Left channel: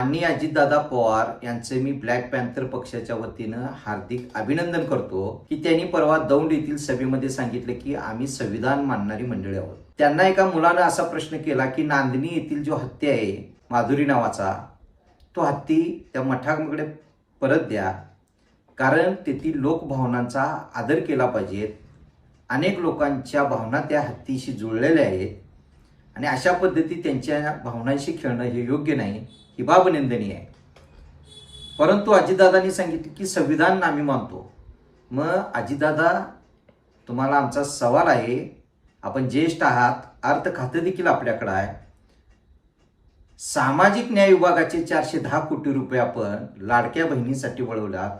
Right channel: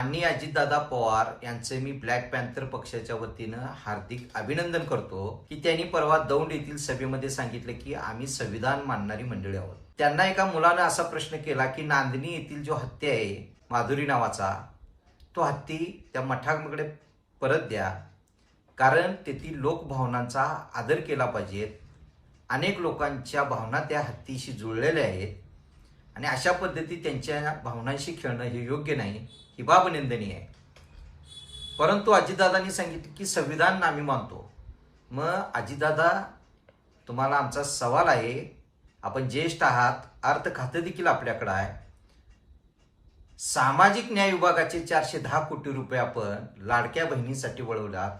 माननीय अजितदादा पवार यांचे मी black panther पक्षाच्या वतीनं हार्दिक अभिनंदन करतो की त्यांनी परवा दौंड येथील सभेमध्ये सांगितले की आम्ही संविधान मानणारी मंडळी आहोत. त्यांना एका मुलानं असा प्रश्न केला की नांदणी येथील जो हत्ती आहे माधुरी नावाचा, तो हत्ती त्या मठाकडे परत द्या, कारण तेथील लोकभावनांचा आदर केला पाहिजे. अनेक लोकांच्या भावना त्या हत्तीशी जुळलेल्या आहेत आणि अशा पद्धती त्यांच्या भावनांशी खेळणं हे योग्य नाही, ही बाब निंदनीय आहे. परंतु अजितदादांनी सांगितले की संविधान आम्ही मानतो. मग अजितदादा, तुम्हाला आमचा सवाल आहे, आपण ज्येष्ठ आहात, अर्थ खातं देखील आपल्याकडे आहे. सामाजिक न्याय विभागाचे 410 कोटी रुपये आपण लाडक्या बहिणीसाठी वळवलात.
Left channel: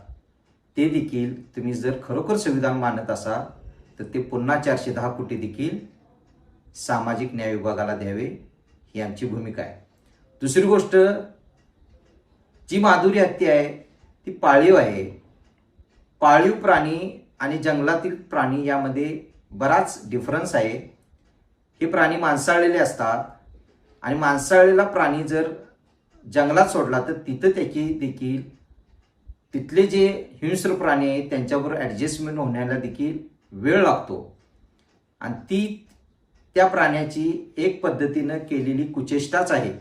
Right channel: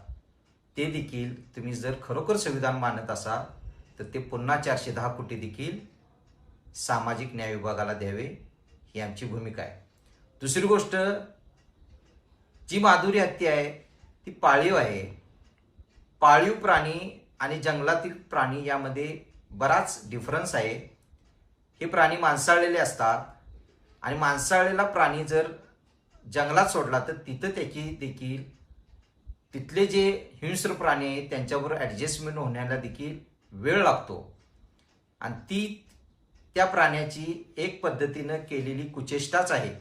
ते देखील तुम्ही जर खरोखर संविधान मानत असाल तर ते पुन्हा 410 कोटी देखील सामाजिक न्याय विभागाला द्यावे, ही आमची भूमिका आहे. दुसरी गोष्ट, जी माधुरी हत्ती आहे ती पाळीव आहे. पाळीव प्राणी आणि जंगलातील प्राणी यामध्ये बराच डिफरन्स आहे. हे प्राणी मांसाळलेले असतात आणि मांसाळलेला प्राणी जर जंगलात सोडला तर तिथं त्याची देखील तिथले जे हिंस्र प्राणी आहेत त्यांच्याबरोबर ॲडजस्टमेंट होण्याला देखील वेळ लागतो आणि ती त्या प्राण्याची एक पद्धतीनं केलेली कुचेष्टाच आहे.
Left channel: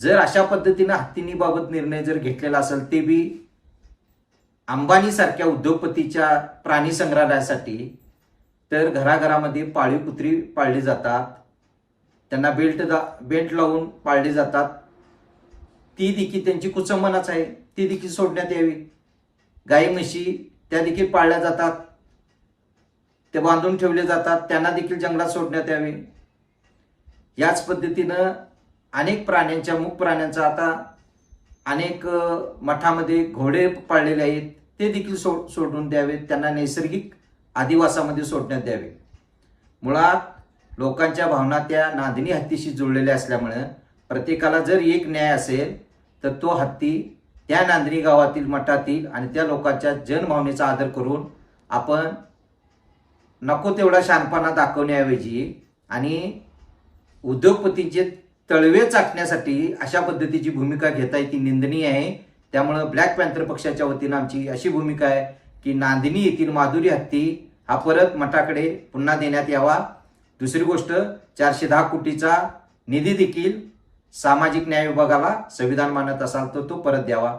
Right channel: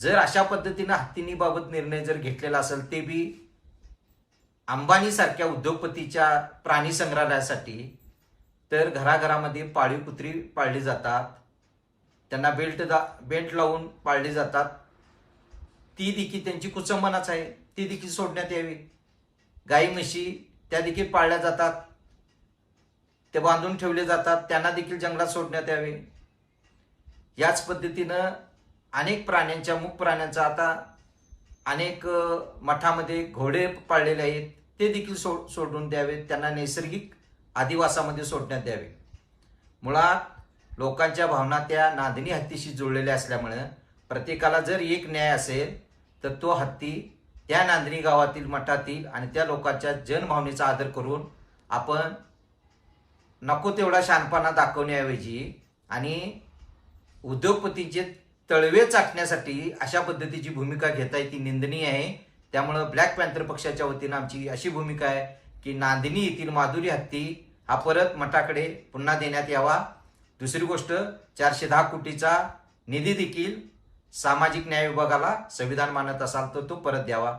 जर अशा पद्धतीनं हत्तींबाबत निर्णय जर घेतलेला असेल, ते बी अंबानी सारख्या उद्योगपतीच्या प्राणी संग्रहालयासाठी, तर घराघरामध्ये पाळीव कुत्री पाळली जातात, त्यांना बेल्ट लावून पाळली जातात. ती देखील त्यांची कुचंबनाच आहे, ती देखील सोडण्यात यावी. गाई म्हशी त्या देखील पाळल्या जातात, ते बांधून ठेवले जातात, त्यांना देखील जंगलात सोडण्यात यावे. याच पद्धतीनं अनेक प्राण्यांच्या, मुक प्राण्यांचा आता अनेक मठामध्ये घोडे पाळलेले आहेत, ते देखील सोडून द्यावेत, त्यांना नैसर्गिक आदिवासामध्ये सोडण्यात द्यावे. मुळात लोकांच्या भावना त्या नांदणी हत्तीशी जुळलेल्या असल्यामुळे प्रत्येकाला जर एक न्याय असेल तर तो हत्ती त्या नांदणी गावातील मठातील आणि त्या लोकांच्या जनभावनेचा आदर करून आपण नको तेवढा शहाणपणा दाखवण्याऐवजी आणि उद्योगपतींचे तळवे चाटण्यासाठी अशा पद्धतीची भूमिका घेताय, ती निंदनीय आहे. त्यामुळं ब्लॅक पॅन्थर पक्षाच्या वतीनं आमची अशी भूमिका आहे की नांदणी येथील माधुरी हत्ती हा परत मठाकडे पुन्हा देण्यात यावा. दुसरी गोष्ट, 410 कोटीचा निधी देखील सामाजिक न्याय विभागाला संविधान मानत असाल तर तो परत द्यावा.